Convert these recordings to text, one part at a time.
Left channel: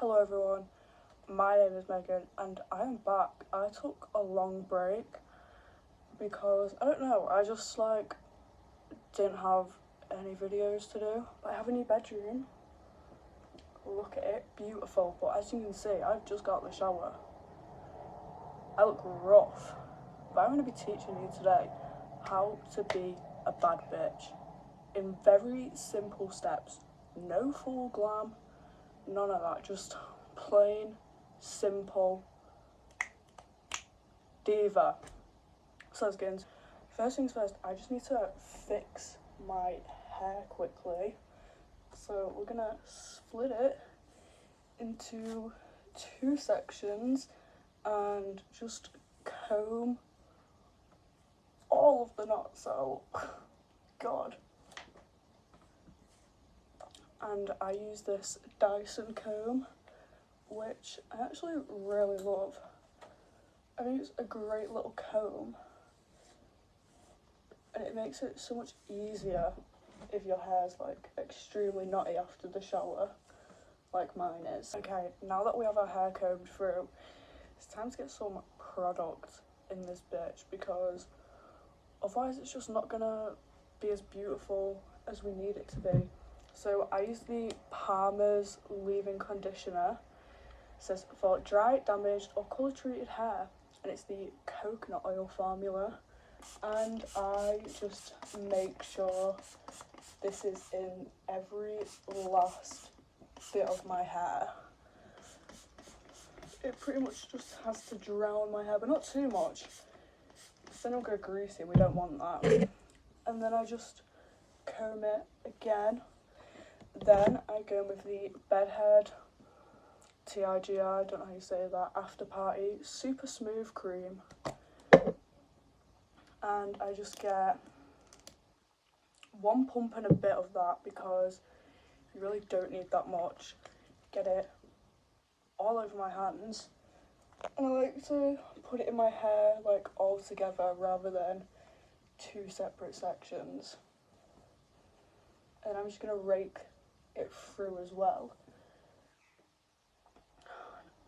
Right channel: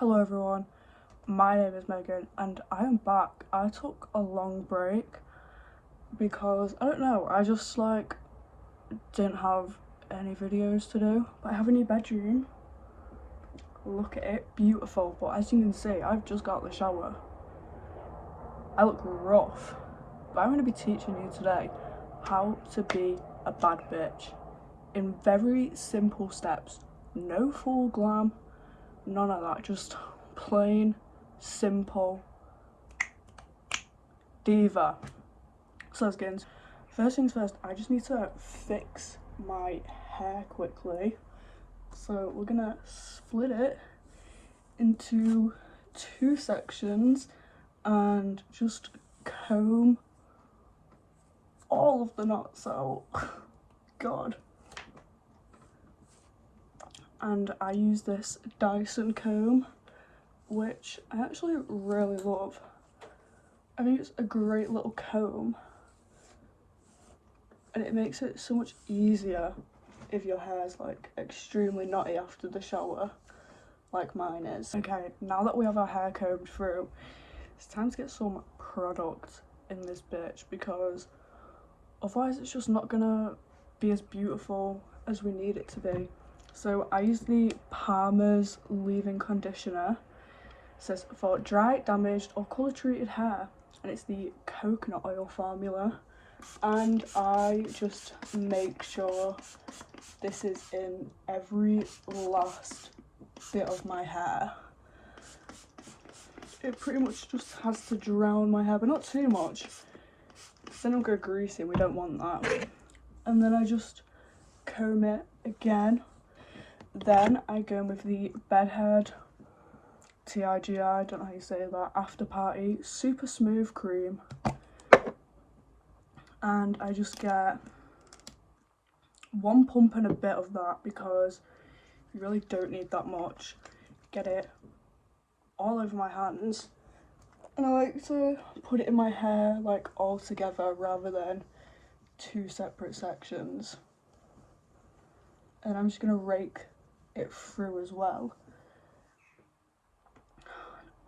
Hello everyone, my name is Megan and I am back. I took a long break because, I don't know, I just didn't have any videos to do. But I have a new bedroom. Look at it, beautiful. But as you can see, I've just got out of the shower. I look rough. But I'm going to be teaching you today how to be a bad bitch in very simple steps. No full glam, none of that, just plain, simple diva. So let's get into it. First things first, I just need to fix my hair quickly. So we're gonna split it into two sections and just comb all of the knots out. God. And I use this Dyson comb, which I actually really love. I think it's a great little comb and it makes it so much easier if your hair's extremely knotty after the shower like mine is. Okay, now that we have our hair combed through, it's time to get some product in this bitch because otherwise it's just not gonna be as beautiful as we need it to be. So I use the Palmer's leave-in conditioner. It says for dry, damaged or colour treated hair, and it's the coconut oil formula. And I just make sure this is in every last bit of my hair. It pretty much just has to drown my hair, but not too much. Then it'll go greasy, we don't want that. And then I just comb it again. Then I go in with the Bedhead TIGI, I don't know how you say that, After Party Super Smooth Cream. And I just get one pump and a bit of that because you really don't need that much. Get it all over my hands. And I like to put it in my hair all together rather than two separate sections. And I'm just going to rake it through as well.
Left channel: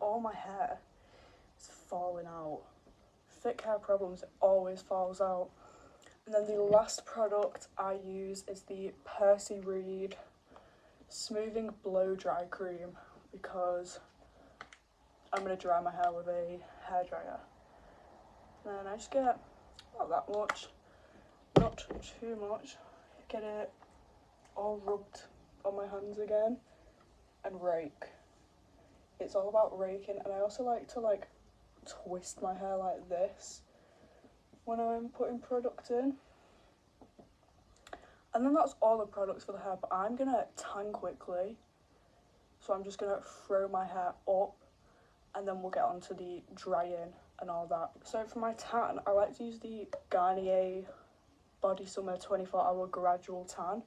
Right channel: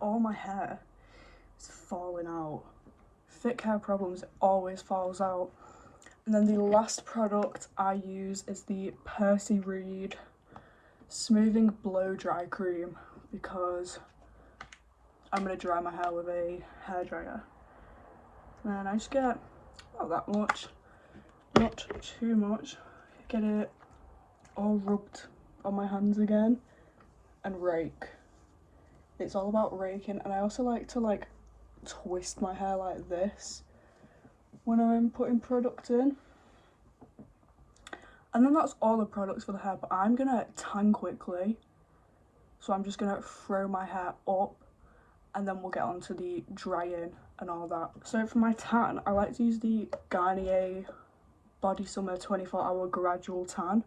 All my hair is falling out. Thick hair problems, it always falls out. And then the last product I use is the Percy Reed Smoothing Blow Dry Cream because I'm going to dry my hair with a hairdryer. And then I just get not that much, not too much, get it all rubbed on my hands again and rake. It's all about raking, and I also like to twist my hair like this when I'm putting product in. And then that's all the products for the hair, but I'm gonna tan quickly, so I'm just gonna throw my hair up and then we'll get on to the drying and all that. So for my tan, I like to use the Garnier Body Summer 24-hour gradual tan.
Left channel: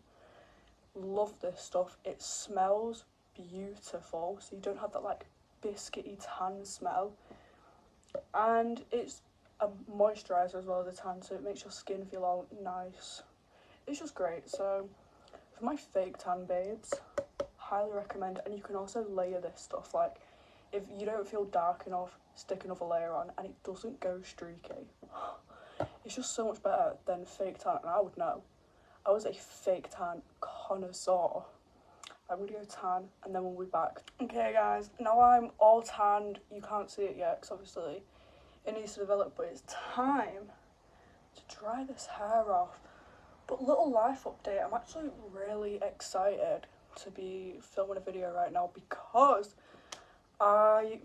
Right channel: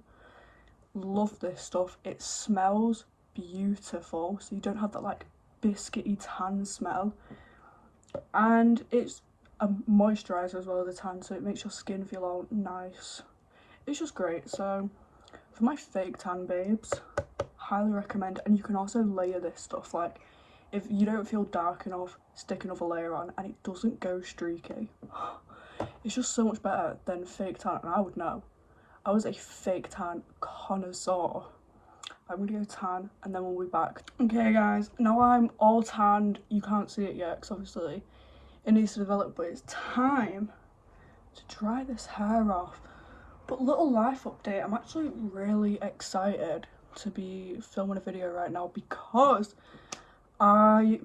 Love this stuff. It smells beautiful, so you don't have that biscuity tan smell, and it's a moisturizer as well as a tan, so it makes your skin feel all nice. It's just great. So for my fake tan babes, highly recommend. And you can also layer this stuff, if you don't feel dark enough, stick another layer on and it doesn't go streaky. It's just so much better than fake tan, and I would know. I was a fake tan connoisseur. I'm gonna go tan and then we'll be back. Okay guys, now I'm all tanned. You can't see it yet because obviously it needs to develop, but it's time to dry this hair off. But little life update, I'm actually really excited to be filming a video right now because when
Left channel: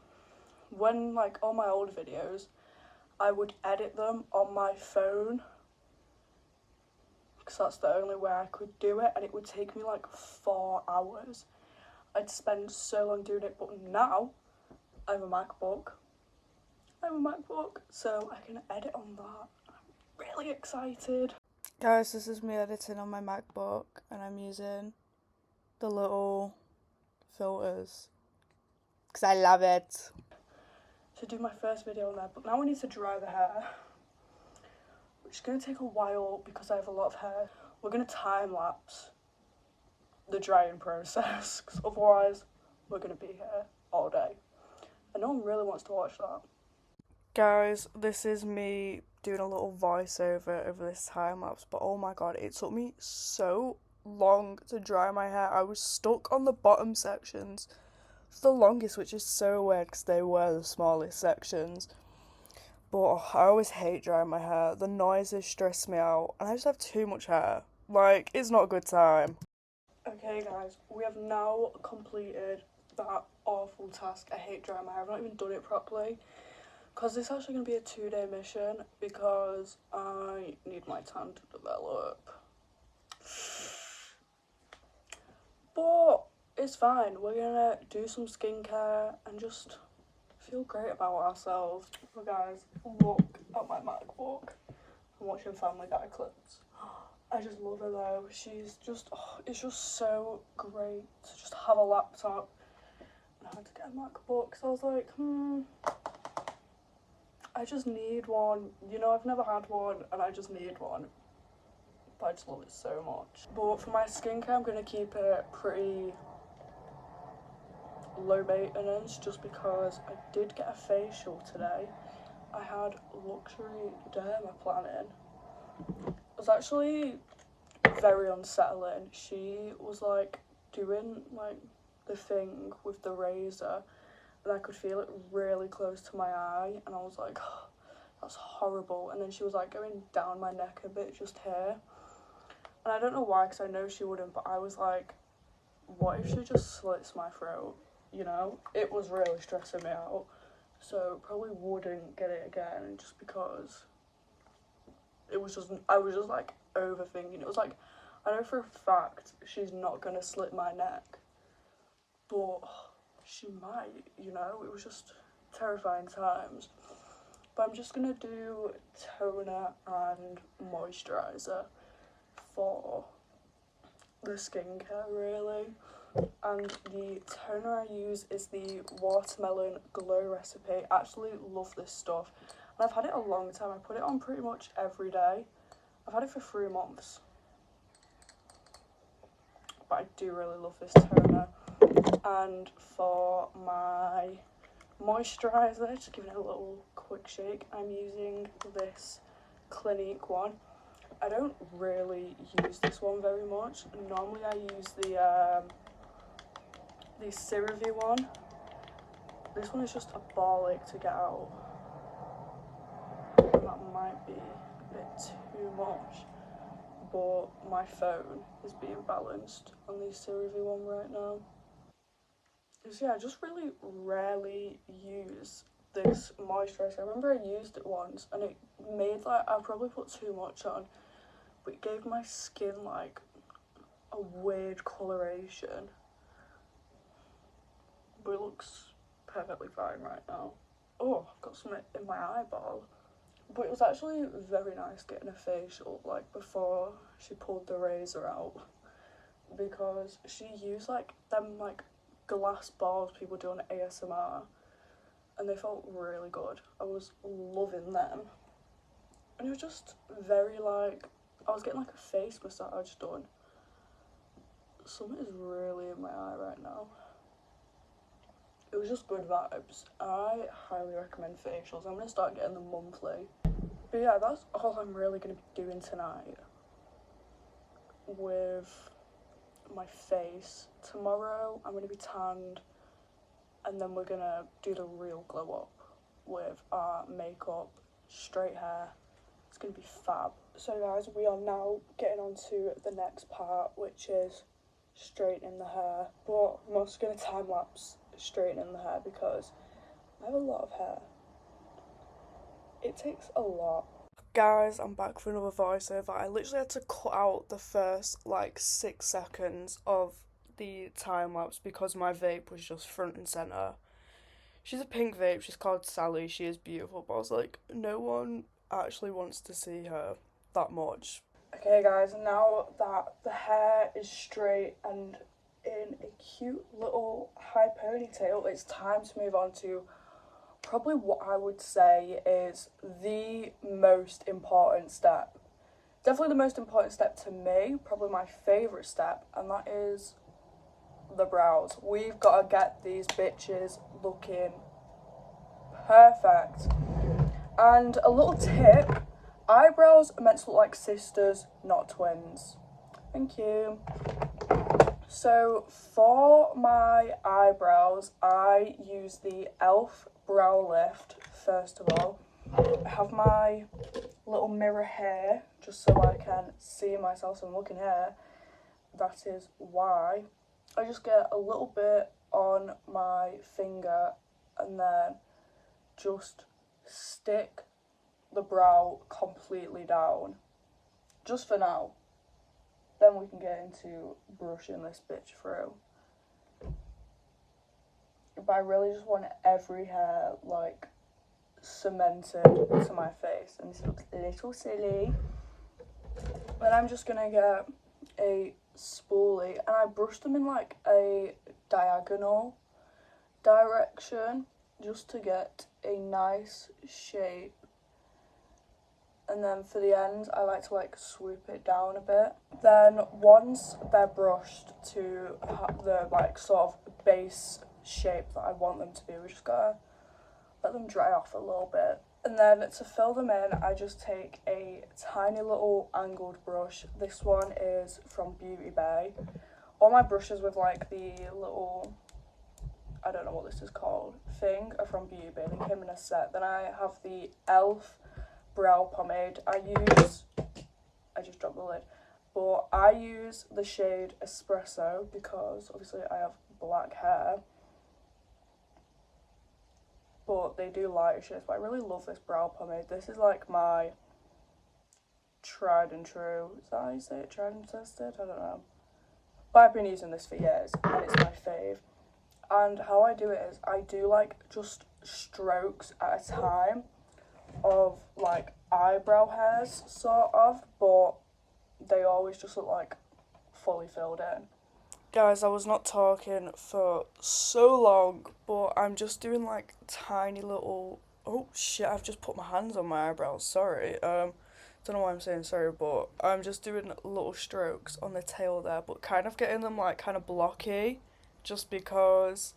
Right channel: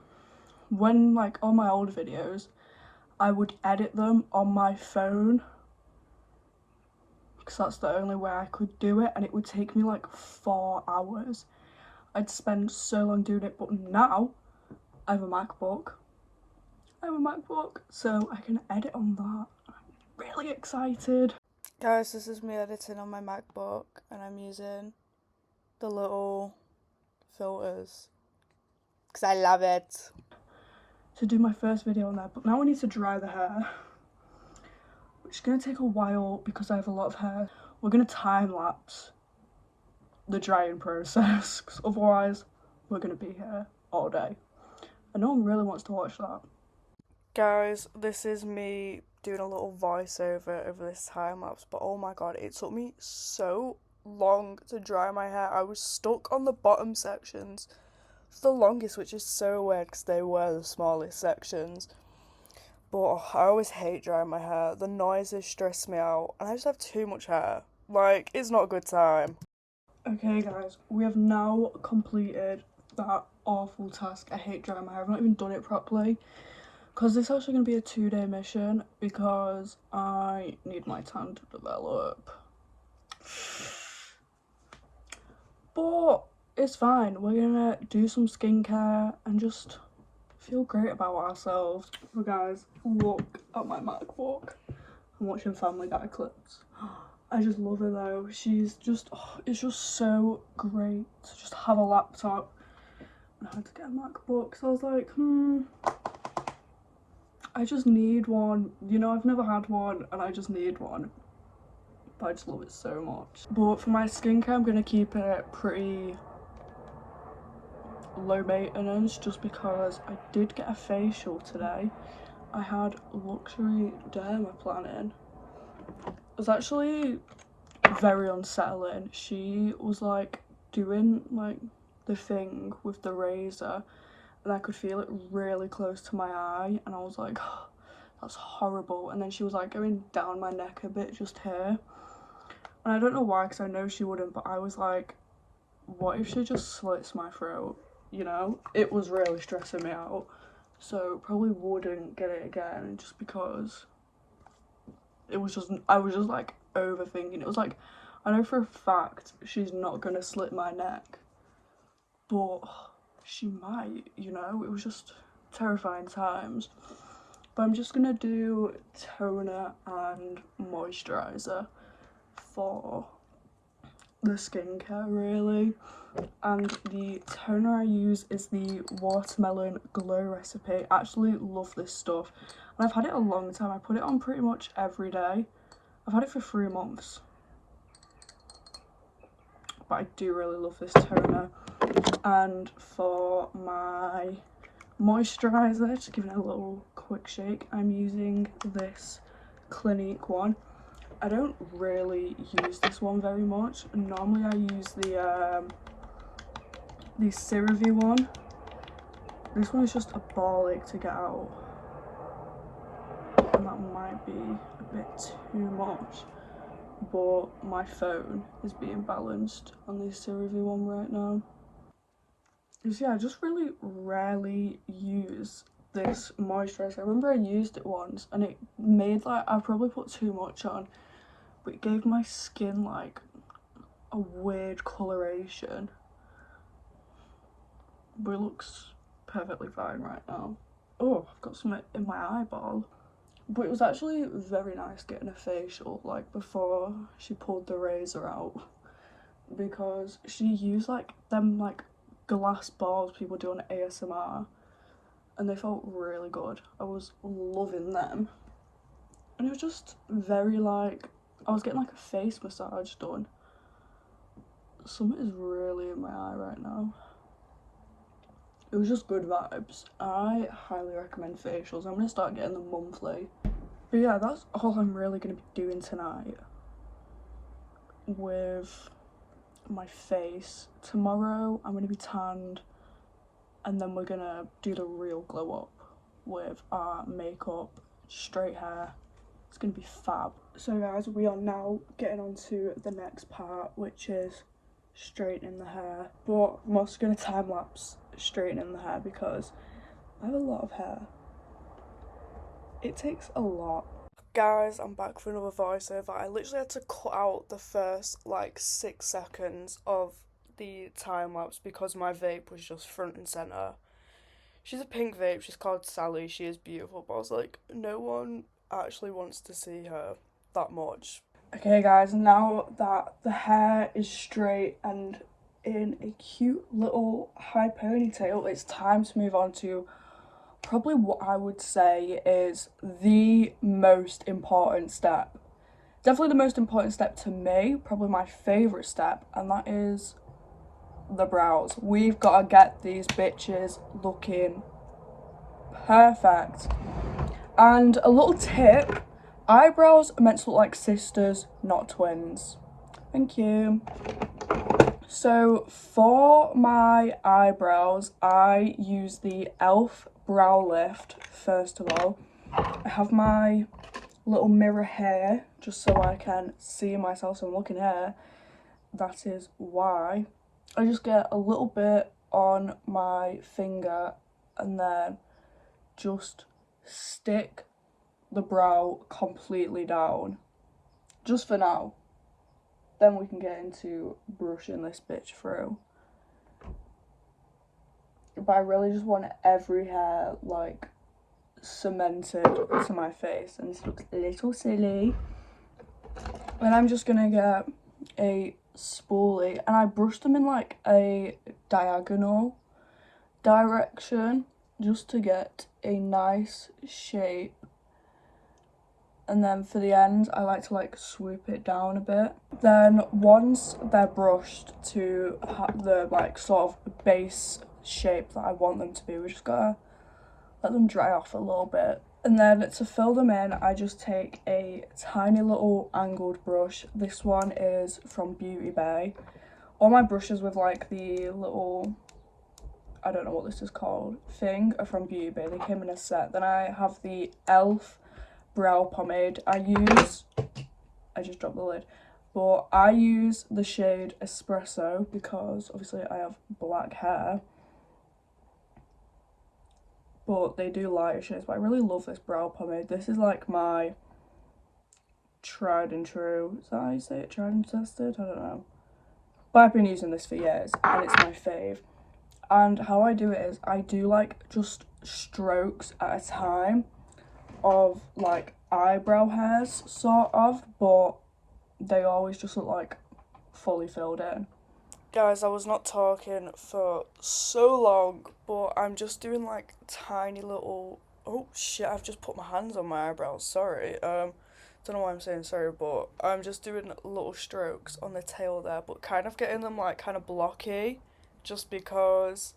all my old videos, I would edit them on my phone because that's the only way I could do it, and it would take me 4 hours. I'd spend so long doing it, but now I have a MacBook. So I can edit on that. I'm really excited. Guys, this is me editing on my MacBook and I'm using the little filters because I love it. To do my first video on there, but now I need to dry the hair, which is going to take a while because I have a lot of hair. We're going to time lapse the drying process because otherwise we're gonna be here all day. And no one really wants to watch that. Guys, this is me doing a little voiceover over this time lapse, but oh my god, it took me so long to dry my hair. I was stuck on the bottom sections for the longest, which is so weird because they were the smallest sections. But I always hate drying my hair. The noises stress me out, and I just have too much hair. Like, it's not a good time. Okay, guys, we have now completed that awful task. I hate drying my hair. I've not even done it properly. Because this is actually going to be a 2-day mission because I need my tan to develop. But it's fine. We're going to do some skincare and just feel great about ourselves. But guys, look at my MacBook. I'm watching Family Guy clips. I just love her though. She's just, it's just so great to just have a laptop. And I had to get a MacBook, so I was like, I just need one. You know, I've never had one and I just need one. But I just love it so much. But for my skincare, I'm going to keep it pretty low maintenance just because I did get a facial today. I had luxury dermaplaning. It was actually very unsettling. She was like doing like the thing with the razor and I could feel it really close to my eye and I was like, oh, that's horrible. And then she was like going down my neck a bit just here, and I don't know why because I know she wouldn't, but I was like, what if she just slits my throat, you know? It was really stressing me out, so probably wouldn't get it again just because it was just, I was just like overthinking. It was like, I know for a fact she's not gonna slit my neck, but she might, you know? It was just terrifying times. But I'm just gonna do toner and moisturiser for the skincare really. And the toner I use is the Watermelon Glow recipe. I absolutely love this stuff and I've had it a long time. I put it on pretty much every day. I've had it for 3 months, but I do really love this toner. And for my moisturiser, just giving it a little quick shake, I'm using this Clinique one. I don't really use this one very much. Normally I use the CeraVe one. This one is just a ball ache to get out, and that might be a bit too much, but my phone is being balanced on the CeraVe one right now. So yeah, I just really rarely use this moisturiser. I remember I used it once and it made like, I probably put too much on, but it gave my skin like a weird coloration. But it looks perfectly fine right now. Oh, I've got something in my eyeball. But it was actually very nice getting a facial like before she pulled the razor out, because she used like them like glass balls people do on ASMR and they felt really good. I was loving them. And it was just very like, I was getting like a face massage done. Something is really in my eye right now. It was just good vibes. I highly recommend facials. I'm going to start getting them monthly. But yeah, that's all I'm really going to be doing tonight with my face. Tomorrow I'm going to be tanned and then we're going to do the real glow up with our makeup, straight hair. It's going to be fab. So guys, we are now getting on to the next part, which is straightening the hair. But I'm also going to time lapse straightening the hair because I have a lot of hair. It takes a lot. Guys, I'm back for another voiceover. I literally had to cut out the first like 6 seconds of the time lapse because my vape was just front and center. She's a pink vape, she's called Sally, she is beautiful, but I was like, no one actually wants to see her that much. Okay guys, now that the hair is straight and in a cute little high ponytail, it's time to move on to probably what I would say is the most important step. Definitely the most important step to me, probably my favourite step, and that is the brows. We've got to get these bitches looking perfect. And a little tip, eyebrows are meant to look like sisters, not twins. Thank you. So for my eyebrows, I use the e.l.f. brow lift first of all. I have my little mirror here just so I can see myself, so I'm looking here. That is why. I just get a little bit on my finger and then just stick the brow completely down. Just for now. Then we can get into brushing this bitch through. But I really just want every hair like cemented to my face, and this looks a little silly. Then I'm just gonna get a spoolie and I brush them in like a diagonal direction just to get a nice shape. And then for the ends, I like to like swoop it down a bit. Then once they're brushed to the like sort of base shape that I want them to be, we just gotta let them dry off a little bit. And then to fill them in, I just take a tiny little angled brush. This one is from Beauty Bay. All my brushes with like the little, I don't know what this is called, thing are from Beauty Bay. They came in a set. Then I have the e.l.f. brow pomade. I just dropped the lid. But I use the shade Espresso because obviously I have black hair. But they do lighter shades, but I really love this brow pomade. This is like my tried and true. Is that how you say it? Tried and tested? I don't know. But I've been using this for years and it's my fave. And how I do it is I do like just strokes at a time of like eyebrow hairs sort of, but they always just look like fully filled in. Guys, I was not talking for so long, but I'm just doing like tiny little. Oh shit! I've just put my hands on my eyebrows. Sorry. Don't know why I'm saying sorry, but I'm just doing little strokes on the tail there, but kind of getting them like kind of blocky, just because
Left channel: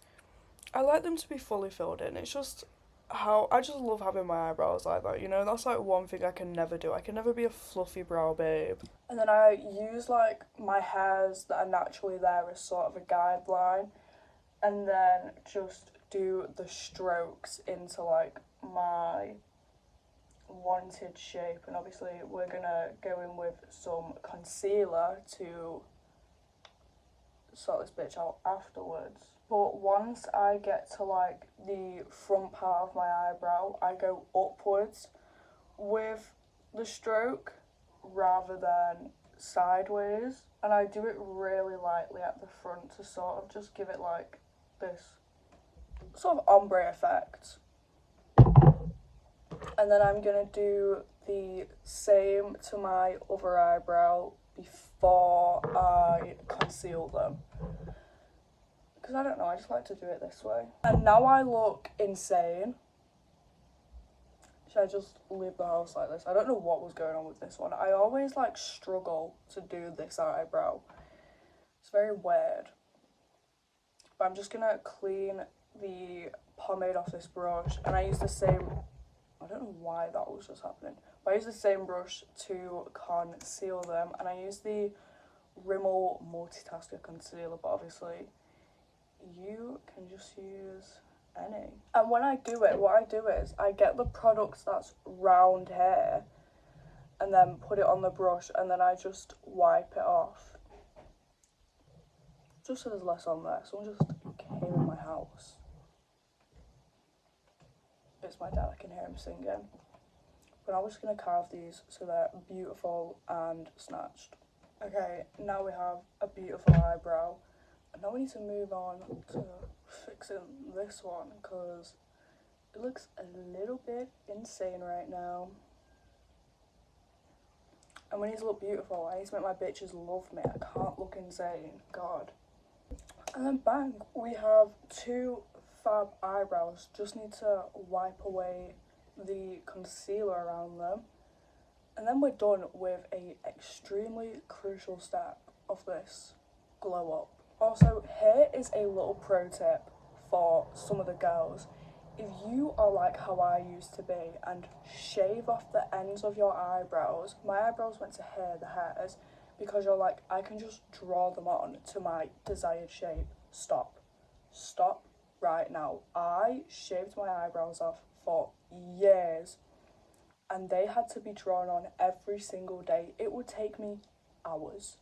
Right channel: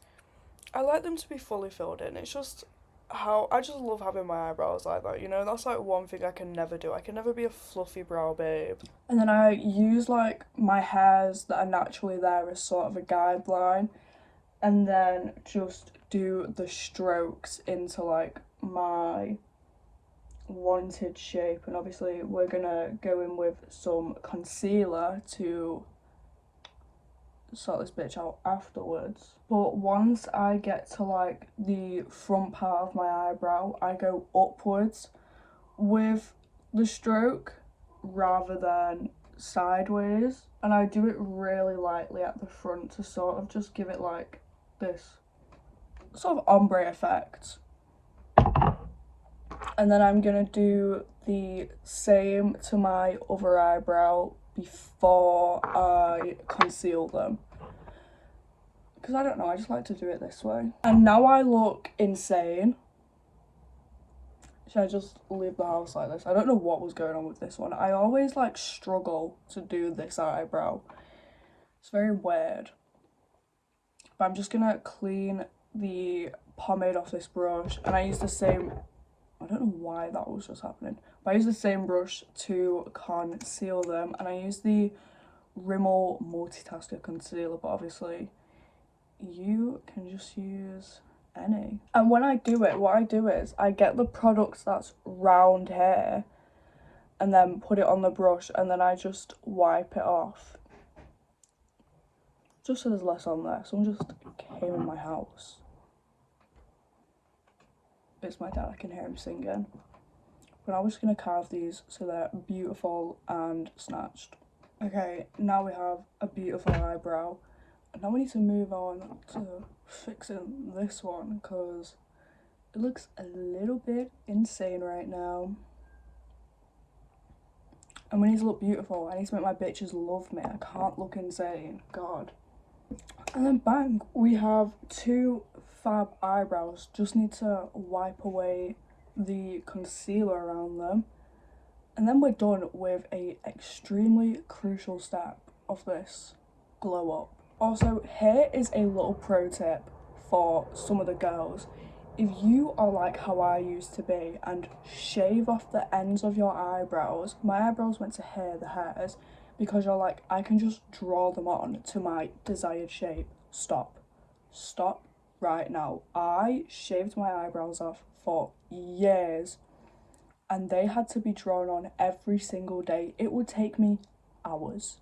I like them to be fully filled in. It's just how I just love having my eyebrows like that. You know, that's like one thing I can never do. I can never be a fluffy brow babe. And then I use like my hairs that are naturally there as sort of a guideline, and then just do the strokes into like my wanted shape. And obviously we're gonna go in with some concealer to sort this bitch out afterwards. But once I get to like the front part of my eyebrow, I go upwards with the stroke rather than sideways, and I do it really lightly at the front to sort of just give it like this sort of ombre effect. And then I'm gonna do the same to my other eyebrow before I conceal them, because I don't know, I just like to do it this way. And now I look insane. Should I just leave the house like this? I don't know what was going on with this one. I always like struggle to do this eyebrow. It's very weird. But I'm just gonna clean the pomade off this brush, and I use the same, I don't know why that was just happening, but I use the same brush to conceal them, and I use the Rimmel Multitasker Concealer, but obviously you can just use any. And when I do it, what I do is I get the products that's round here and then put it on the brush, and then I just wipe it off. Just so there's less on there. Someone just came in my house. It's my dad, I can hear him singing. But I'm just gonna carve these so they're beautiful and snatched. Okay, now we have a beautiful eyebrow. And now we need to move on to fixing this one because it looks a little bit insane right now. And we need to look beautiful. I need to make my bitches love me. I can't look insane. God. And then bang, we have two fab eyebrows. Just need to wipe away the concealer around them. And then we're done with a extremely crucial step of this glow up. Also, here is a little pro tip for some of the girls. If you are like how I used to be and shave off the ends of your eyebrows, my eyebrows went to here, the hairs, because you're like, I can just draw them on to my desired shape. Stop. Stop right now. I shaved my eyebrows off for years and they had to be drawn on every single day. It would take me hours,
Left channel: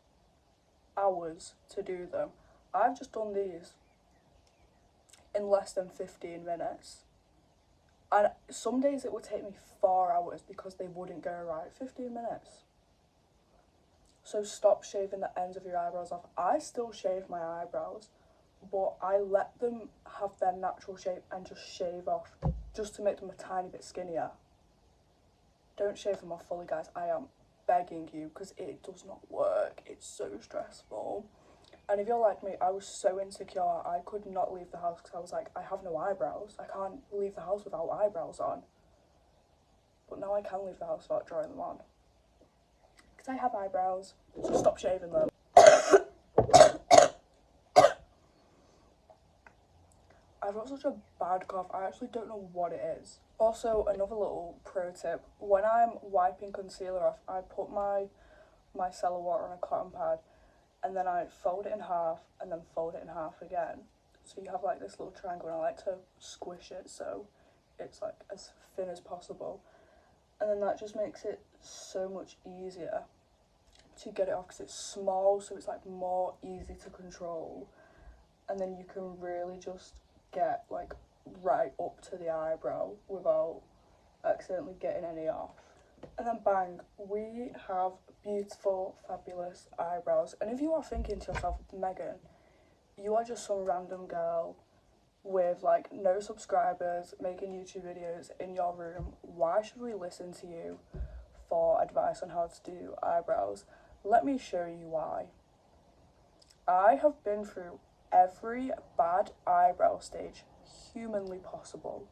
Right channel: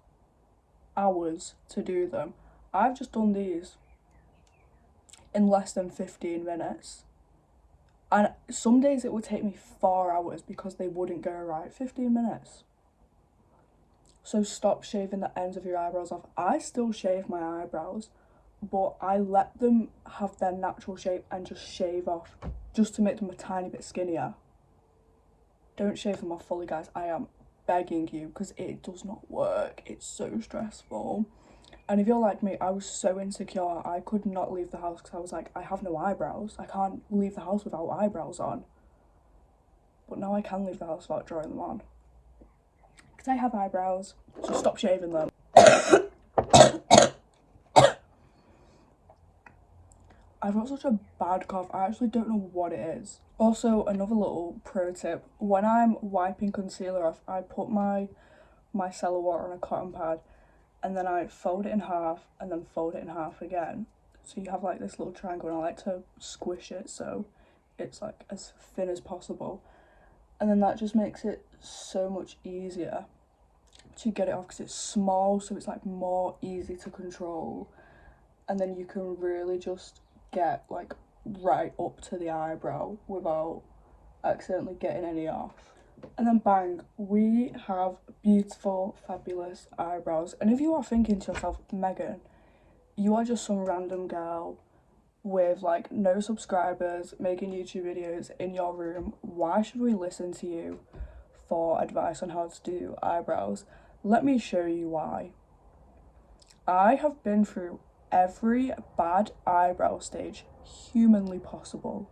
hours to do them. I've just done these in less than 15 minutes. And some days it would take me 4 hours because they wouldn't go right. 15 minutes. So stop shaving the ends of your eyebrows off. I still shave my eyebrows, but I let them have their natural shape and just shave off just to make them a tiny bit skinnier. Don't shave them off fully, guys. I am begging you, because it does not work. It's so stressful. And if you're like me, I was so insecure. I could not leave the house because I was like, I have no eyebrows. I can't leave the house without eyebrows on. But now I can leave the house without drawing them on. Because I have eyebrows, so stop shaving them. I've got such a bad cough, I actually don't know what it is. Also, another little pro tip, when I'm wiping concealer off, I put my micellar water on a cotton pad and then I fold it in half and then fold it in half again. So you have like this little triangle and I like to squish it so it's like as thin as possible. And then that just makes it so much easier to get it off because it's small, so it's like more easy to control. And then you can really just get like right up to the eyebrow without accidentally getting any off. And then bang, we have beautiful, fabulous eyebrows. And if you are thinking to yourself, Megan, you are just some random girl with like no subscribers making YouTube videos in your room, why should we listen to you for advice on how to do eyebrows? Let me show you why. I have been through every bad eyebrow stage humanly possible.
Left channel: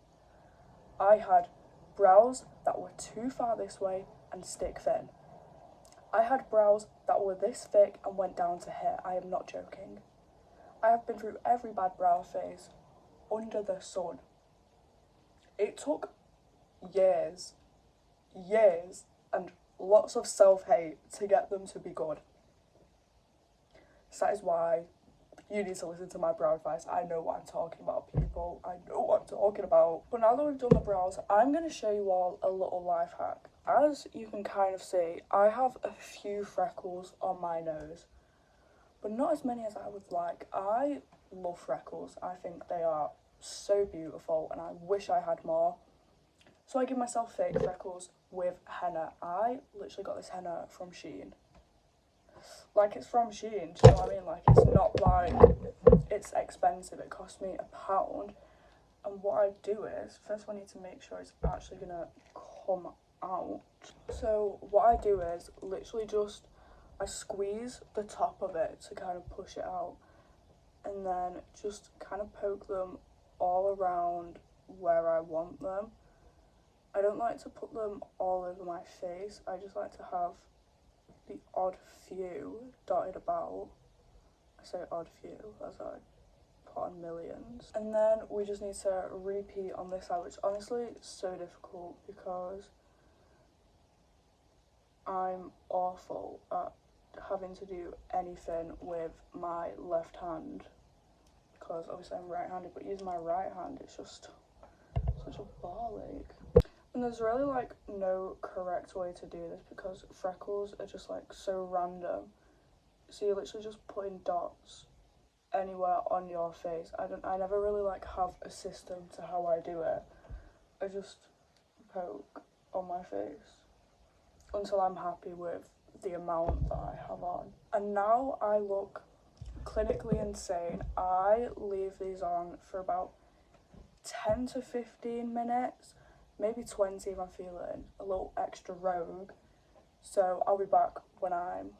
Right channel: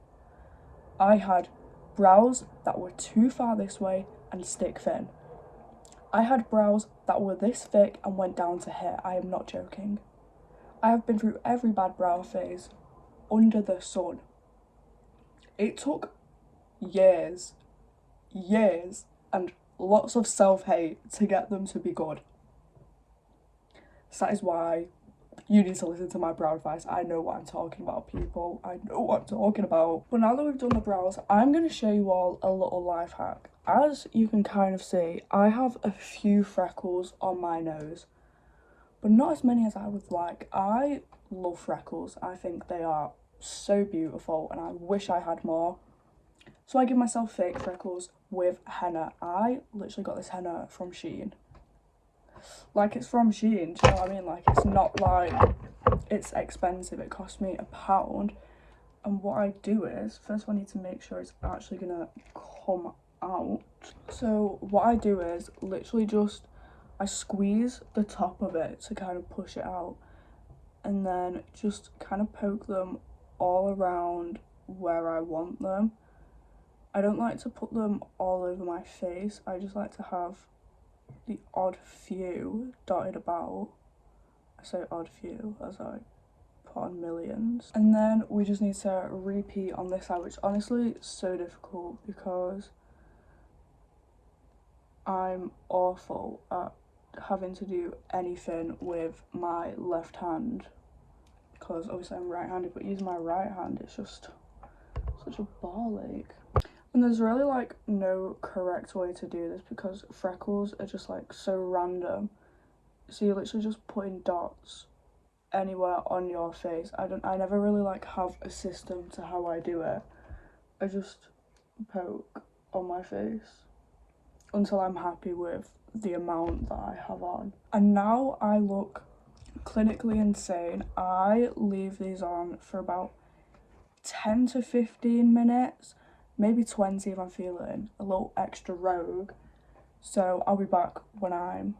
I had brows that were too far this way and stick thin. I had brows that were this thick and went down to here. I am not joking. I have been through every bad brow phase under the sun. It took years, and lots of self-hate to get them to be good. So that is why you need to listen to my brow advice. I know what I'm talking about, people. I know what I'm talking about. But now that we've done the brows, I'm going to show you all a little life hack. As you can kind of see, I have a few freckles on my nose, but not as many as I would like. I love freckles. I think they are so beautiful and I wish I had more. So I give myself fake freckles with henna. I literally got this henna from Shein. Like, it's from Shein, do you know what I mean? Like, it's not like it's expensive. It cost me £1. And what I do is, first I need to make sure it's actually gonna come out. So what I do is literally just, I squeeze the top of it to kind of push it out, and then just kind of poke them all around where I want them. I don't like to put them all over my face. I just like to have the odd few dotted about. I say odd few as I put on millions. And then we just need to repeat on this side, which honestly is so difficult because I'm awful at having to do anything with my left hand because obviously I'm right-handed, but using my right hand it's just such a ball ache. And there's really like no correct way to do this because freckles are just like so random. So you're literally just putting dots anywhere on your face. I never really like have a system to how I do it. I just poke on my face until I'm happy with the amount that I have on. And now I look clinically insane. I leave these on for about 10 to 15 minutes, maybe 20 if I'm feeling a little extra rogue. So I'll be back when I'm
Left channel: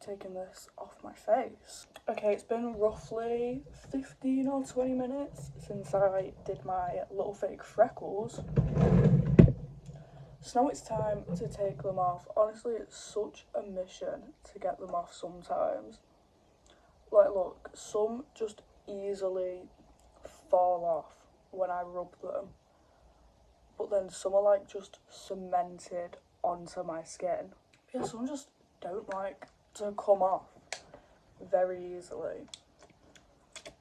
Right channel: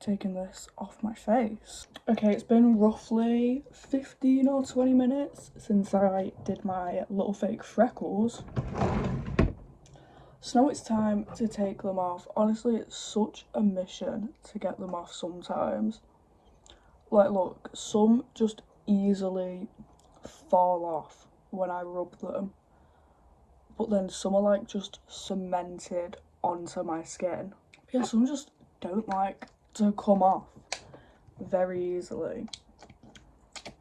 taking this off my face. Okay, it's been roughly 15 or 20 minutes since I did my little fake freckles. So now it's time to take them off. Honestly, it's such a mission to get them off sometimes. Like, look, some just easily fall off when I rub them, but then some are like just cemented onto my skin. Yeah, some just don't like to come off very easily.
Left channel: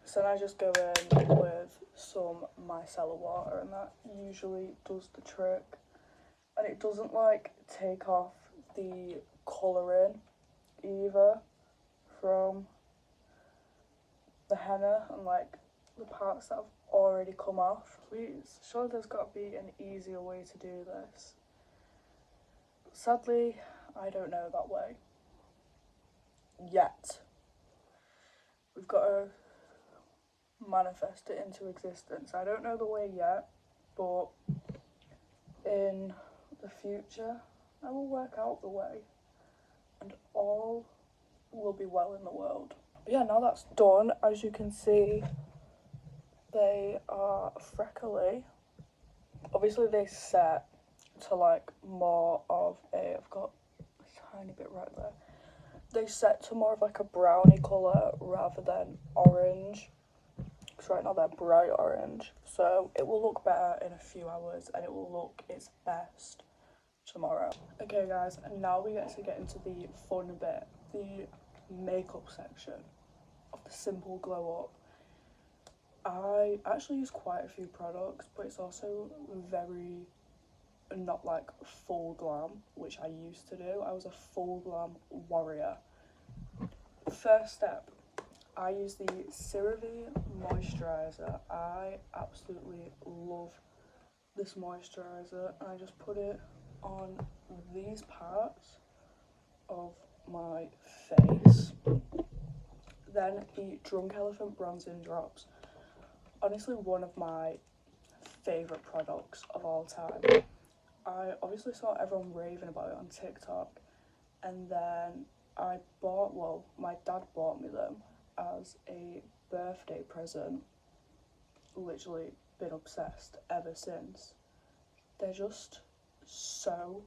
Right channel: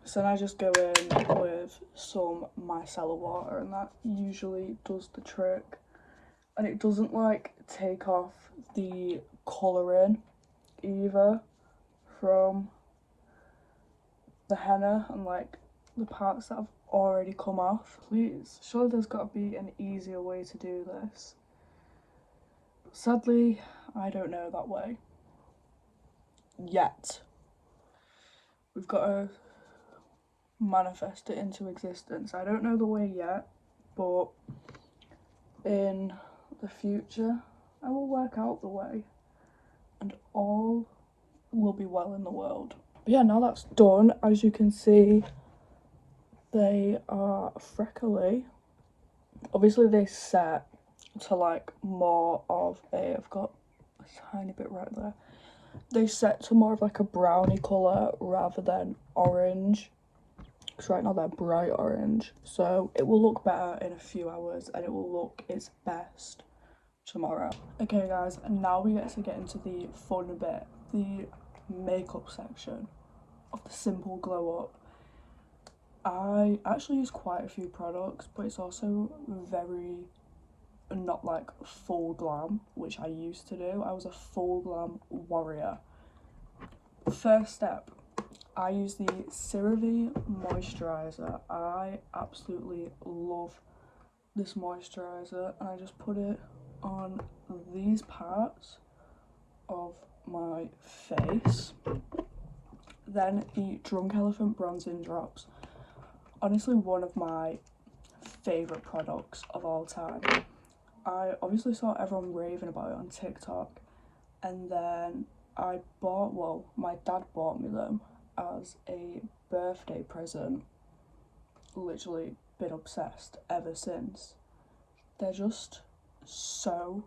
So then I just go in with some micellar water, and that usually does the trick. And it doesn't like take off the colouring either from the henna and like the parts that have already come off. Please, surely there's got to be an easier way to do this. Sadly, I don't know that way yet. We've got to manifest it into existence. I don't know the way yet, but in the future I will work out the way and all will be well in the world. But yeah, now that's done, as you can see, they are freckly. Obviously they set to like more of a, I've got a tiny bit right there, they set to more of like a brownie colour rather than orange, because right now they're bright orange, so it will look better in a few hours and it will look its best tomorrow. Okay guys, and now we get into the fun bit, the makeup section of the Simple Glow Up. I actually use quite a few products, but it's also very not like full glam, which I used to do. I was a full glam warrior. First step, I use the CeraVe moisturiser. I absolutely love this moisturiser, and I just put it on these parts of my face. Then the Drunk Elephant bronzing drops. Honestly, one of my favourite products of all time. I obviously saw everyone raving about it on TikTok, and then I bought, well, my dad bought me them as a birthday present. Literally been obsessed ever since. They're just so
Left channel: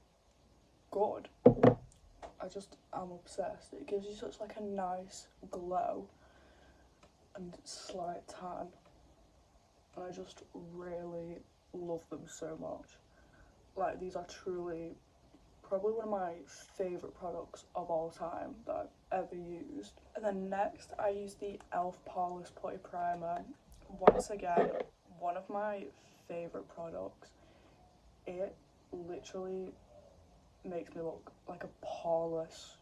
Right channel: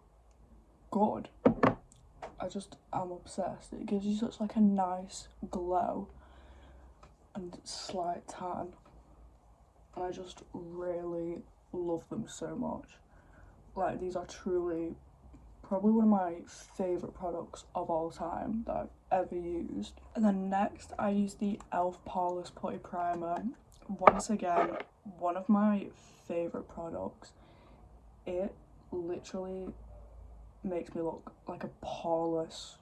good. I just am obsessed. It gives you such like a nice glow and slight tan, and I just really love them so much. Like, these are truly probably one of my favourite products of all time that I've ever used. And then next I use the e.l.f. Poreless Putty Primer. Once again, one of my favourite products. It literally makes me look like a poreless,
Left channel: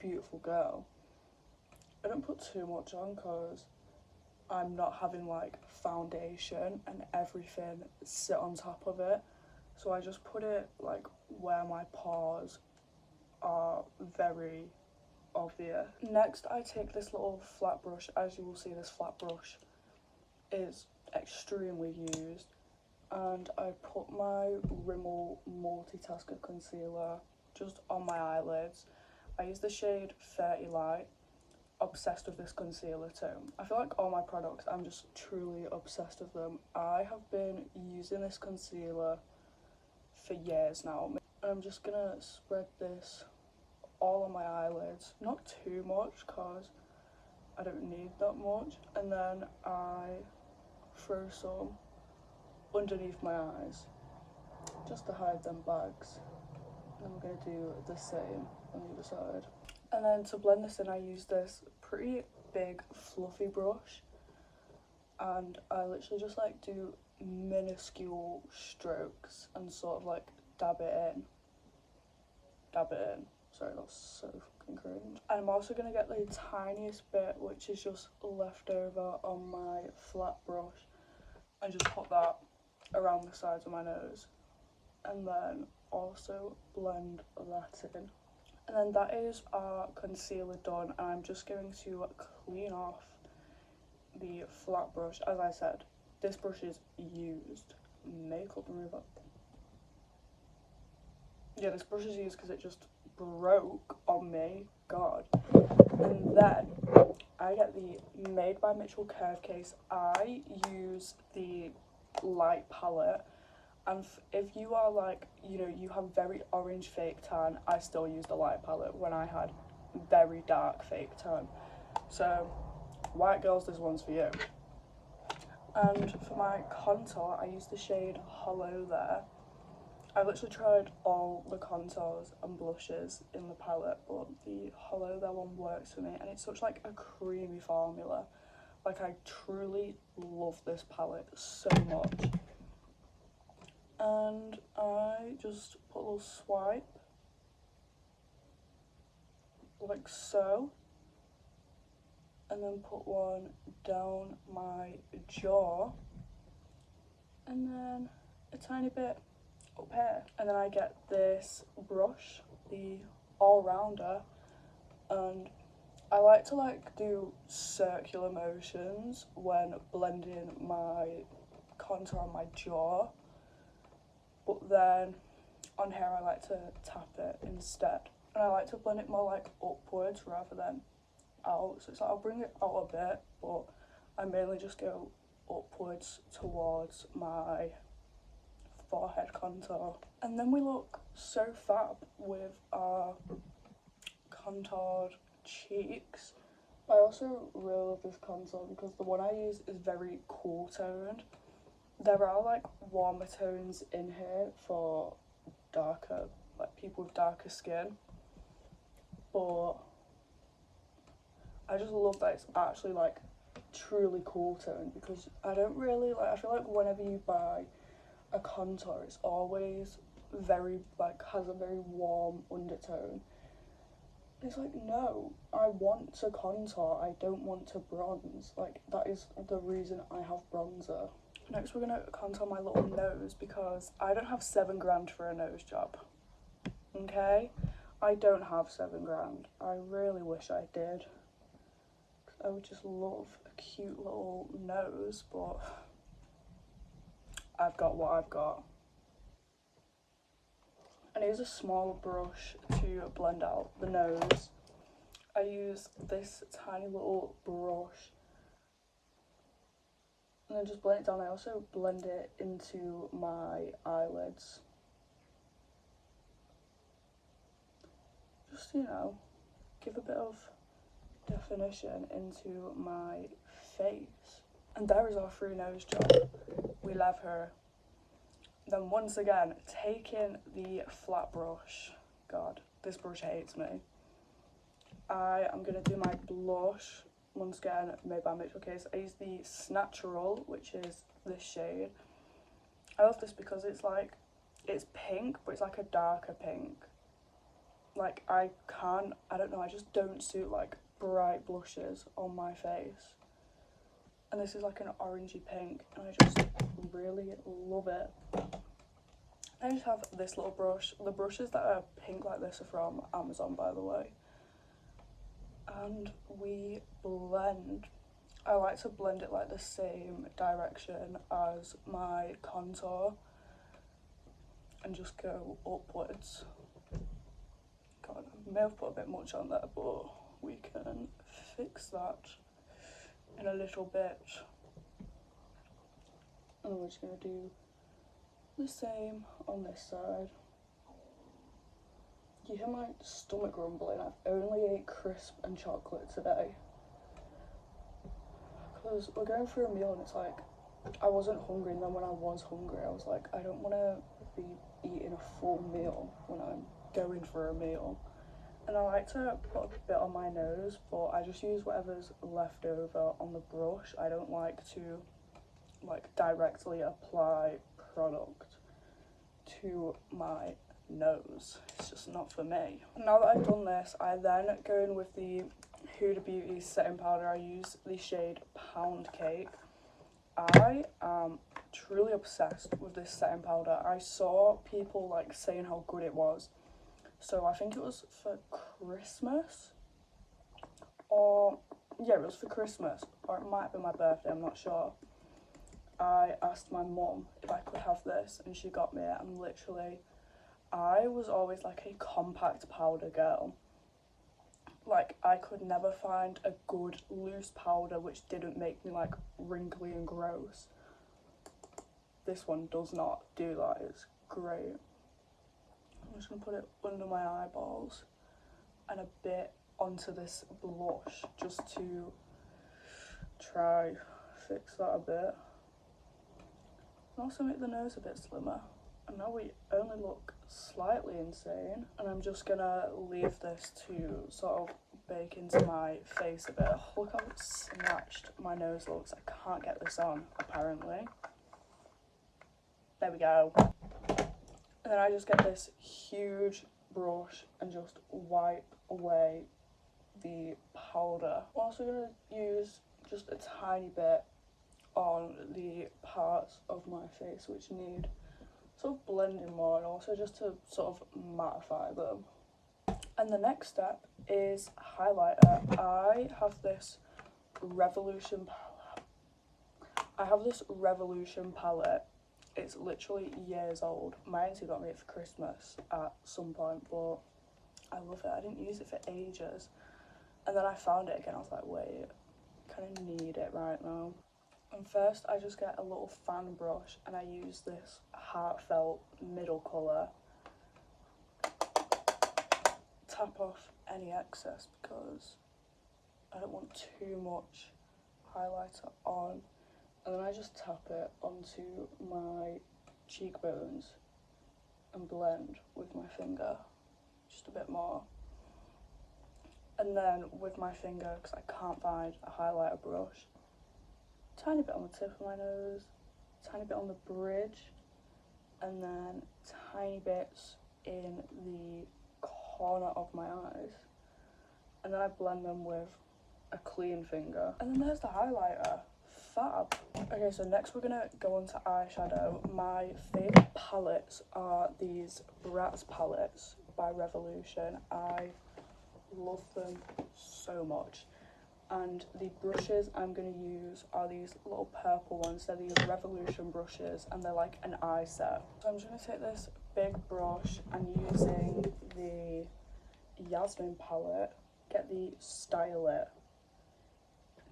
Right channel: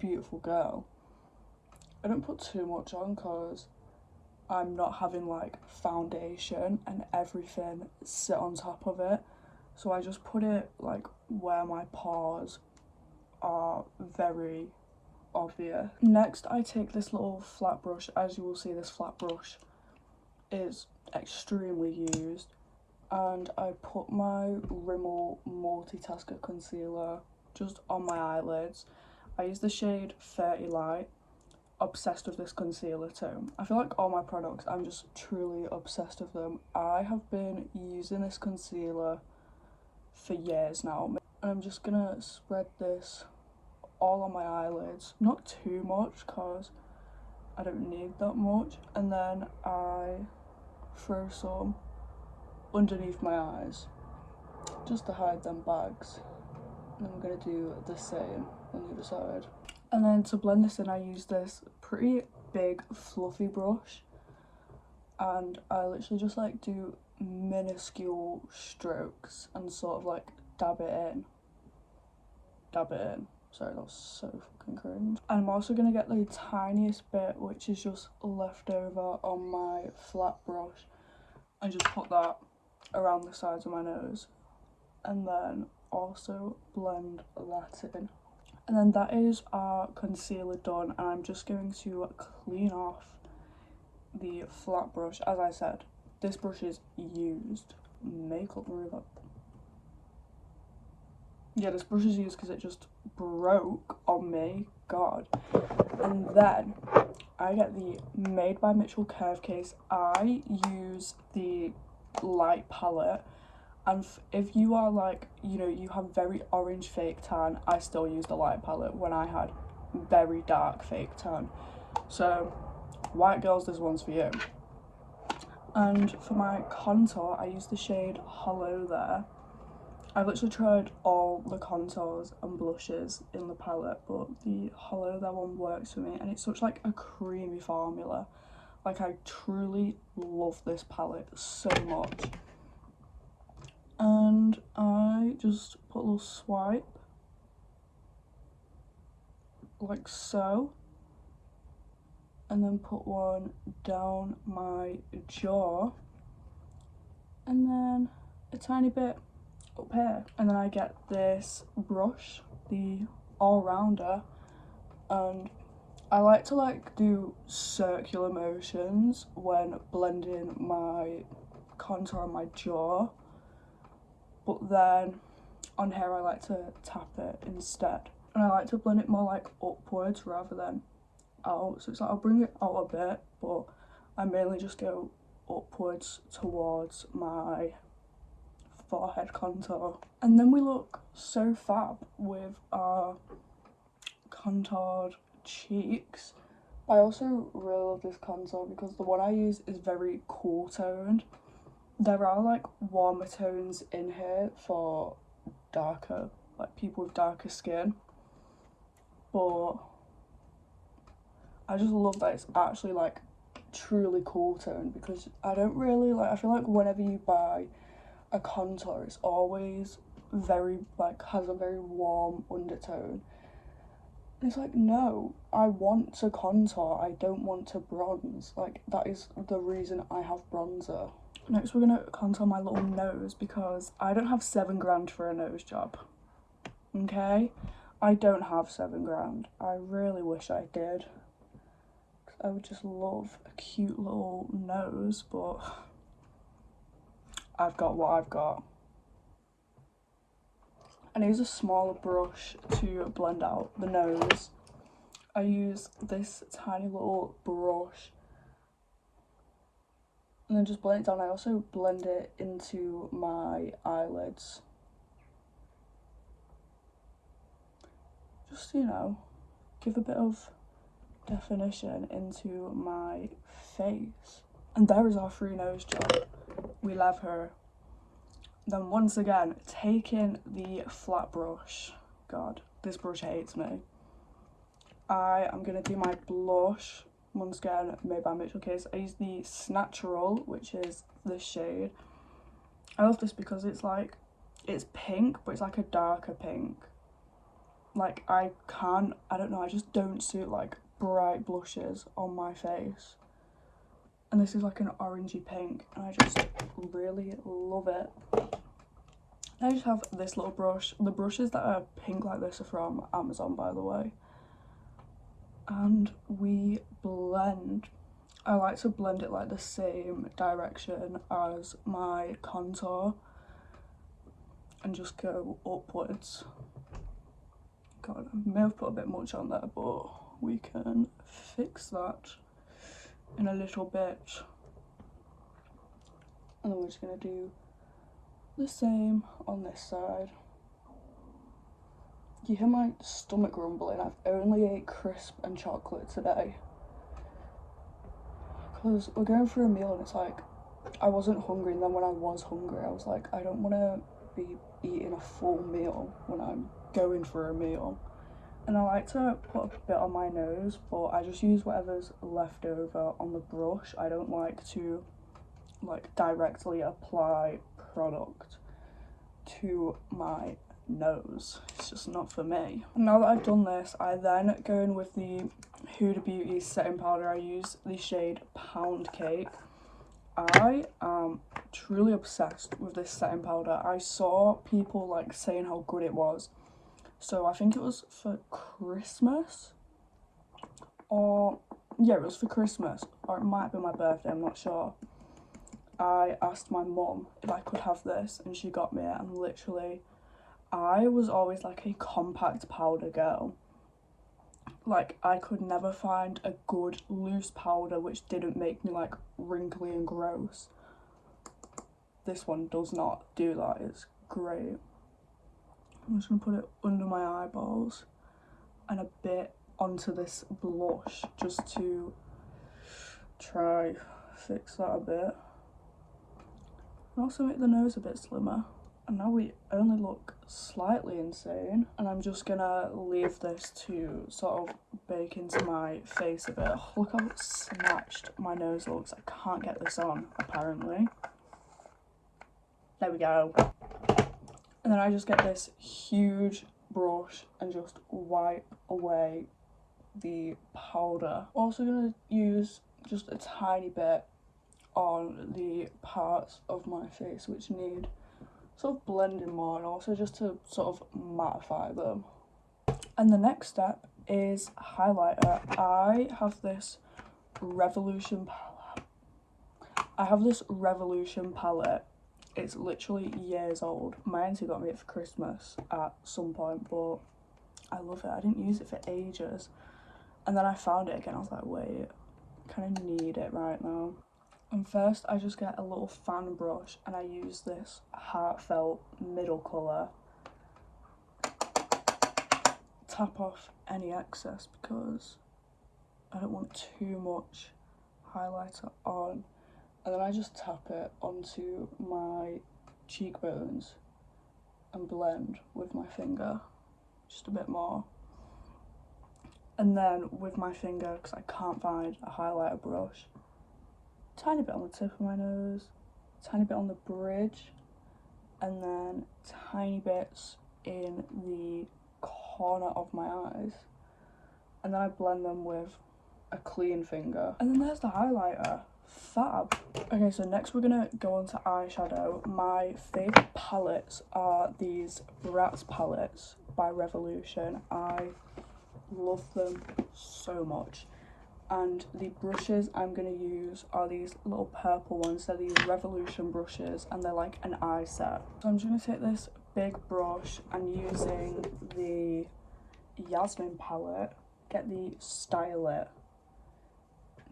beautiful girl. I don't put too much on because I'm not having like foundation and everything sit on top of it. So I just put it like where my pores are very obvious. Next I take this little flat brush. As you will see, this flat brush is extremely used, and I put my Rimmel Multitasker Concealer just on my eyelids. I use the shade 30 Light. Obsessed with this concealer too. I feel like all my products, I'm just truly obsessed with them. I have been using this concealer for years now, and I'm just gonna spread this all on my eyelids, not too much because I don't need that much, and then I throw some underneath my eyes just to hide them bags, and I'm gonna do the same on the other side. And then to blend this in, I use this pretty big fluffy brush, and I literally just like do minuscule strokes and sort of like dab it in. Sorry, that was so fucking cringe. And I'm also gonna get the tiniest bit, which is just left over on my flat brush, and just put that around the sides of my nose, and then also blend that in. And then that is our concealer done, and I'm just going to clean off the flat brush. As I said, this brush is used. Makeup remover. Yeah, this brush is used because it just broke on me. God. And then I get the Made by Mitchell curve case. I use the light palette, and if you are like, you know, you have very orange fake tan, I still use the light palette when I had very dark fake tan. So, white girls, this one's for you. And for my contour, I use the shade Hollow there. I've literally tried all the contours and blushes in the palette, but the Hollow there one works for me, and it's such like a creamy formula. Like, I truly love this palette so much. And I just put a little swipe, like so, and then put one down my jaw, and then a tiny bit up here. And then I get this brush, the all-rounder, and I like to like do circular motions when blending my contour on my jaw, but then on here I like to tap it instead, and I like to blend it more like upwards rather than out. So it's like I'll bring it out a bit, but I mainly just go upwards towards my forehead contour, and then we look so fab with our contoured cheeks. I also really love this contour because the one I use is very cool toned. There are like warmer tones in here for darker, like people with darker skin, but I just love that it's actually like truly cool tone, because I don't really like, I feel like whenever you buy a contour it's always very like has a very warm undertone. It's like, no, I want to contour, I don't want to bronze. Like, that is the reason I have bronzer. Next we're gonna contour my little nose, because I don't have £7 for a nose job. Okay? I don't have £7. I really wish I did. I would just love a cute little nose, but I've got what I've got. And I use a smaller brush to blend out the nose. I use this tiny little brush and then just blend it down. I also blend it into my eyelids. Just, you know, give a bit of definition into my face. And there is our free nose job. We love her. Then once again, taking the flat brush. God, this brush hates me. I am going to do my blush, once again made by Mitchell Case. I use the Snatural, which is this shade. I love this because it's like, it's pink, but it's like a darker pink. Like, I don't know, I just don't suit like bright blushes on my face. And this is like an orangey pink, and I just really love it. I just have this little brush. The brushes that are pink like this are from Amazon, by the way. And we blend. I like to blend it like the same direction as my contour and just go upwards. God, I may have put a bit much on there, but we can fix that in a little bit. And then we're just going to do the same on this side. You hear my stomach rumbling. I've only ate crisp and chocolate today. Because we're going through a meal and it's like, I wasn't hungry, and then when I was hungry I was like, I don't want to be eating a full meal when I'm going for a meal. And I like to put a bit on my nose, but I just use whatever's left over on the brush. I don't like to like directly apply product to my nose. It's just not for me. And now that I've done this, I then go in with the Huda Beauty setting powder. I use the shade Pound Cake. I am truly obsessed with this setting powder. I saw people like saying how good it was. So I think it was for Christmas, or yeah, it was for Christmas, or it might have been my birthday, I'm not sure. I asked my mum if I could have this, and she got me it, and literally, I was always like a compact powder girl. Like, I could never find a good loose powder which didn't make me like wrinkly and gross. This one does not do that, it's great. I'm just gonna put it under my eyeballs and a bit onto this blush just to try fix that a bit. And also make the nose a bit slimmer. And now we only look slightly insane. And I'm just gonna leave this to sort of bake into my face a bit. Oh, look how snatched my nose looks. I can't get this on, apparently. There we go. And then I just get this huge brush and just wipe away the powder. Also gonna use just a tiny bit on the parts of my face which need sort of blending more, and also just to sort of mattify them. And the next step is highlighter. I have this Revolution palette. It's literally years old. My auntie got me it for Christmas at some point, but I love it. I didn't use it for ages. And then I found it again. I was like, wait, I kind of need it right now. And first I just get a little fan brush and I use this Heartfelt middle colour. Tap off any excess because I don't want too much highlighter on. And then I just tap it onto my cheekbones and blend with my finger just a bit more. And then with my finger, because I can't find a highlighter brush, tiny bit on the tip of my nose, tiny bit on the bridge, and then tiny bits in the corner of my eyes. And then I blend them with a clean finger. And then there's the highlighter. Fab. Okay, so next we're gonna go on to eyeshadow. My favourite palettes are these Bratz palettes by Revolution. I love them so much. And the brushes I'm going to use are these little purple ones. They're these Revolution brushes and they're like an eye set. So I'm just going to take this big brush and using the Yasmin palette, get the Stylet,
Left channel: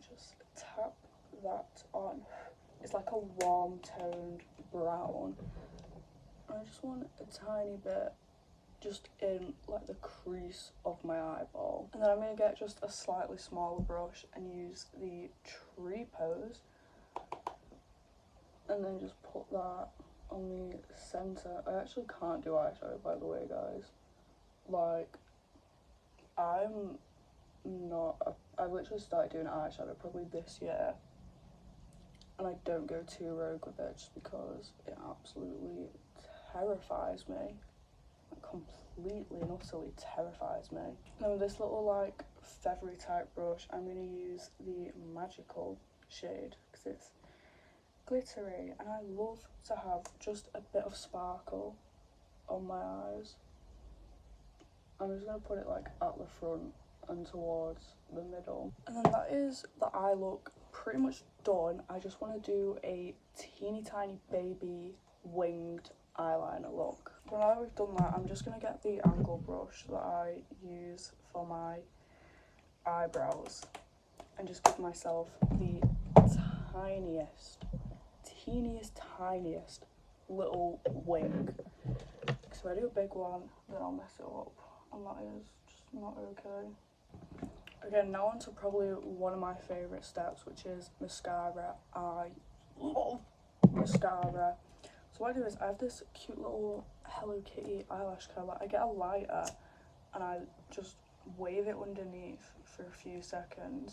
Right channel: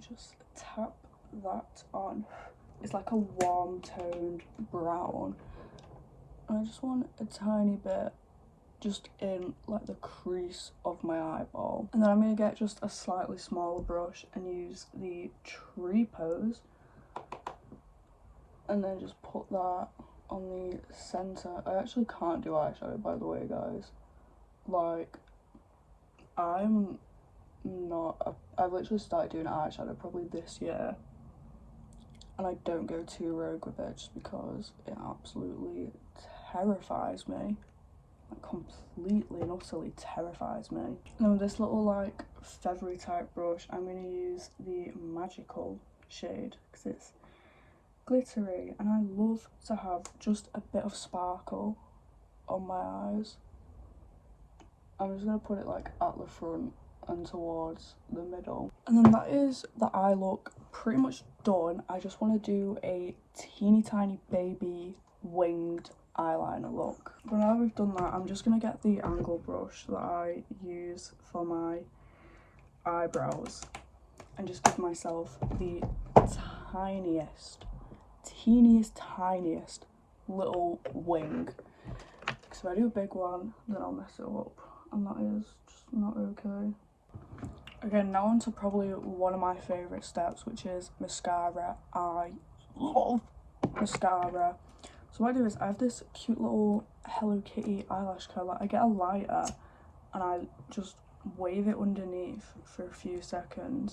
just tap that on. It's like a warm toned brown. And I just want a tiny bit just in like the crease of my eyeball. And then I'm going to get just a slightly smaller brush and use the Tree Pose and then just put that on the centre. I actually can't do eyeshadow, by the way, guys. Like, I'm not I literally started doing eyeshadow probably this year and I don't go too rogue with it just because it absolutely terrifies me. Like, completely and utterly terrifies me. And with this little like feathery type brush, I'm going to use the Magical shade because it's glittery and I love to have just a bit of sparkle on my eyes. I'm just going to put it like at the front and towards the middle. And then that is the eye look pretty much done. I just want to do a teeny tiny baby winged eyeliner look. But now we've done that, I'm just going to get the angle brush that I use for my eyebrows and just give myself the teeniest little wing. Because if I do a big one, then I'll mess it up, and that is just not okay. Okay, now on to probably one of my favourite steps, which is mascara. I love mascara. So what I do is I have this cute little Hello Kitty eyelash curler. I get a lighter and I just wave it underneath for a few seconds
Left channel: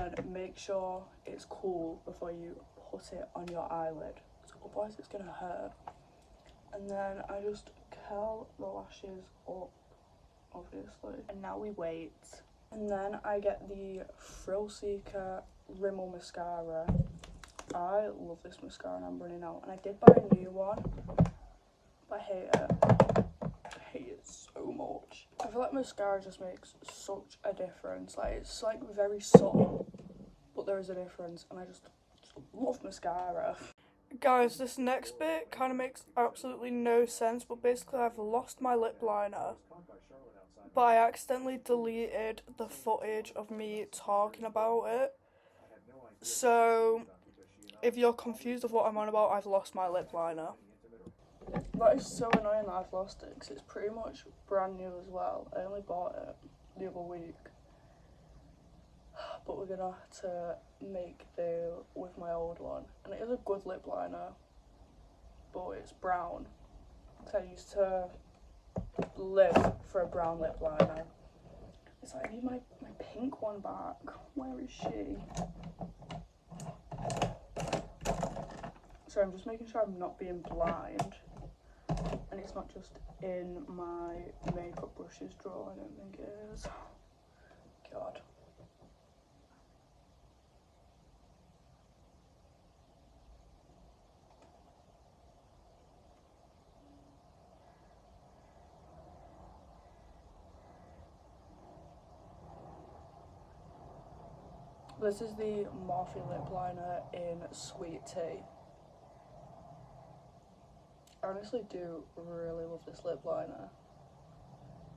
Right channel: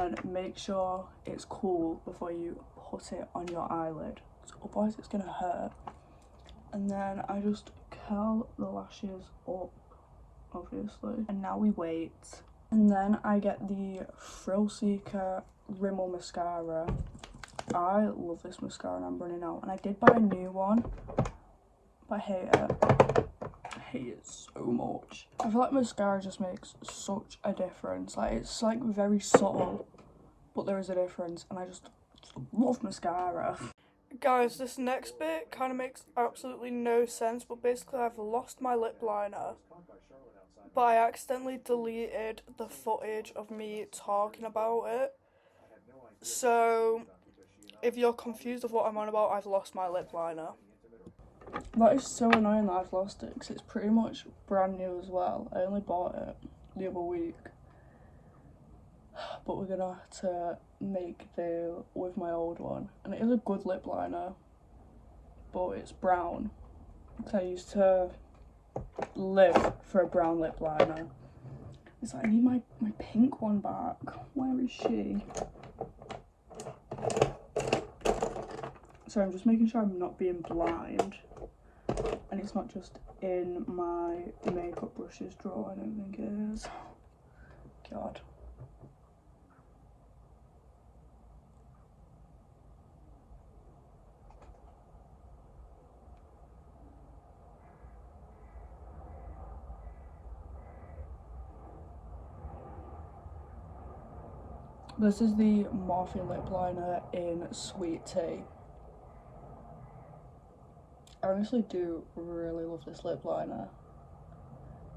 and make sure it's cool before you put it on your eyelid, otherwise it's gonna hurt. And then I just curl the lashes up, obviously, and now we wait. And then I get the Thrill Seeker Rimmel mascara. I love this mascara and I'm running out, and I did buy a new one but I hate it. I hate it so much. I feel like mascara just makes such a difference. Like, it's like very subtle but there is a difference, and I just love mascara. Guys, this next bit kind of makes absolutely no sense, but basically I've lost my lip liner, but I accidentally deleted the footage of me talking about it. So, if you're confused of what I'm on about, I've lost my lip liner. That is so annoying that I've lost it, because it's pretty much brand new as well. I only bought it the other week. But we're gonna have to make do with my old one. And it is a good lip liner, but it's brown. Because I used to live for a brown lip liner. It's like, I need my pink one back. Where is she? So I'm just making sure I'm not being blind. And it's not just in my makeup brushes drawer, I don't think it is. God. This is the Morphe lip liner in Sweet Tea. I honestly do really love this lip liner.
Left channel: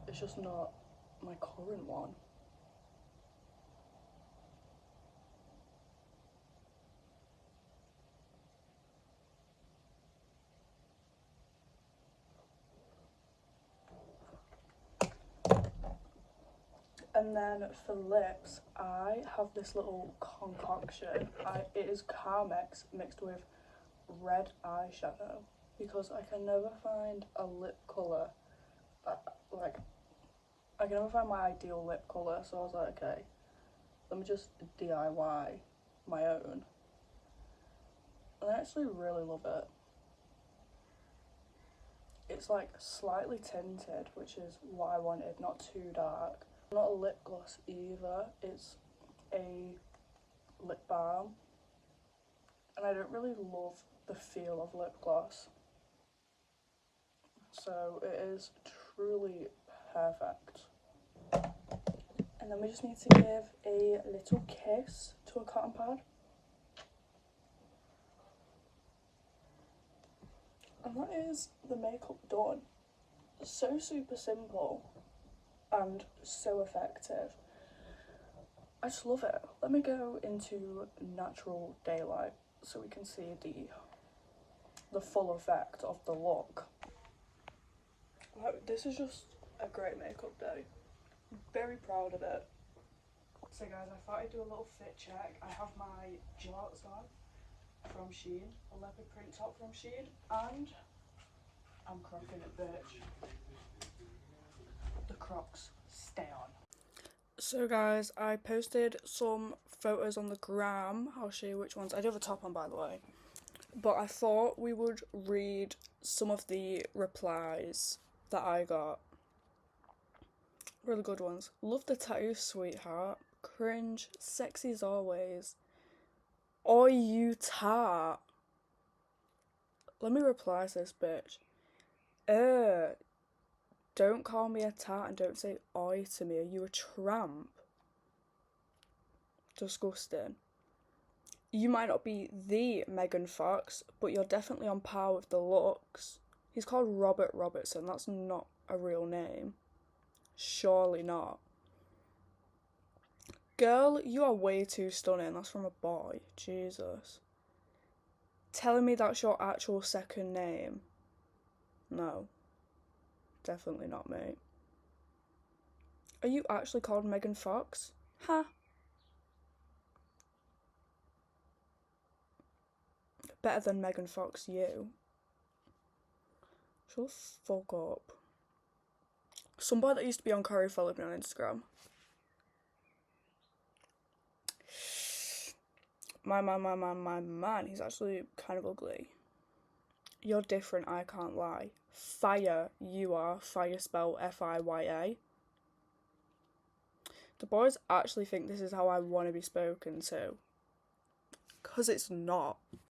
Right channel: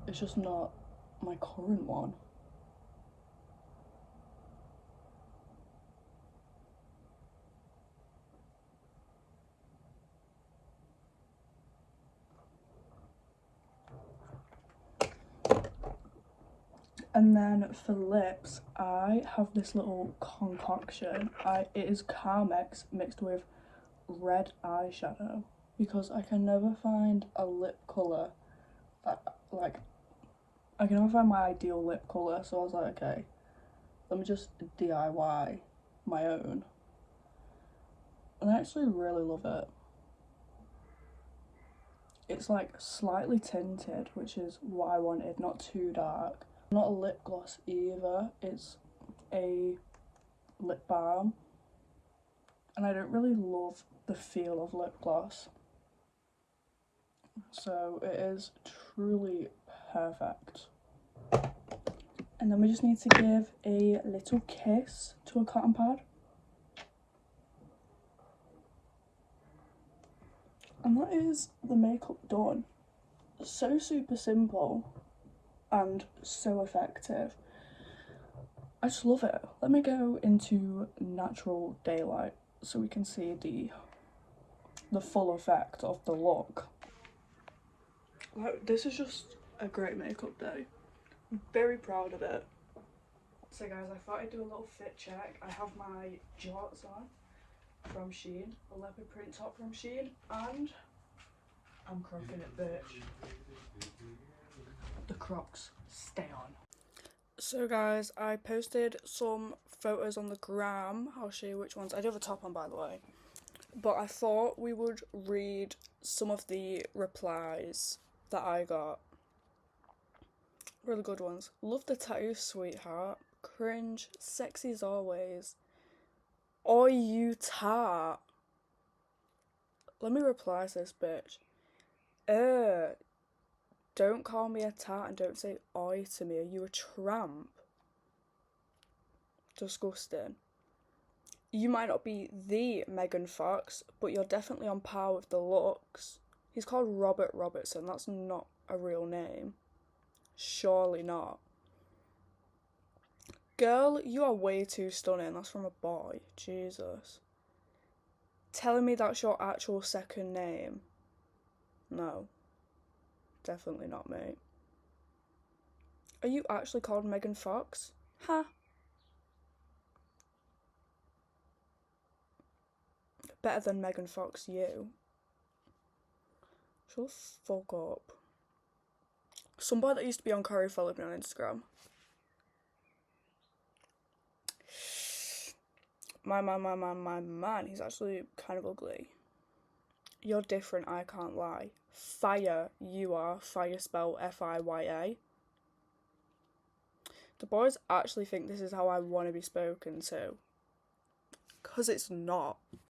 It's just not my current one. And then for lips, I have this little concoction. It is Carmex mixed with red eyeshadow because I can never find a lip colour that, like, I can never find my ideal lip colour, so I was like, okay, let me just DIY my own. And I actually really love it. It's like slightly tinted, which is what I wanted, not too dark. Not a lip gloss either, it's a lip balm. And I don't really love the feel of lip gloss. So it is truly perfect. And then we just need to give a little kiss to a cotton pad. And that is the makeup done. So super simple and so effective. I just love it. Let me go into natural daylight so we can see the full effect of the look. This is just a great makeup day. I'm very proud of it. So guys, I thought I'd do a little fit check. I have my jorts on from Shein, a leopard print top from Shein, and I'm crocking it, bitch. The Crocs stay on. So guys, I posted some photos on the gram. I'll show you which ones. I do have a top on, by the way. But I thought we would read some of the replies that I got. Really good ones. Love the tattoo, sweetheart. Cringe. Sexy as always. Oi, you tart. Let me reply to this bitch. Don't call me a tart and don't say oi to me. Are you a tramp? Disgusting. You might not be the Megan Fox, but you're definitely on par with the looks. He's called Robert Robertson. That's not a real name. Surely not. Girl, you are way too stunning. That's from a boy. Jesus. Telling me that's your actual second name? No. Definitely not, mate. Are you actually called Megan Fox? Huh. Better than Megan Fox, you. Shut the fuck up. Somebody that used to be on Curry followed me on Instagram. My man, he's actually kind of ugly. You're different, I can't lie. Fire, you are. Fire spelled F-I-Y-A. The boys actually think this is how I want to be spoken to. Because it's not.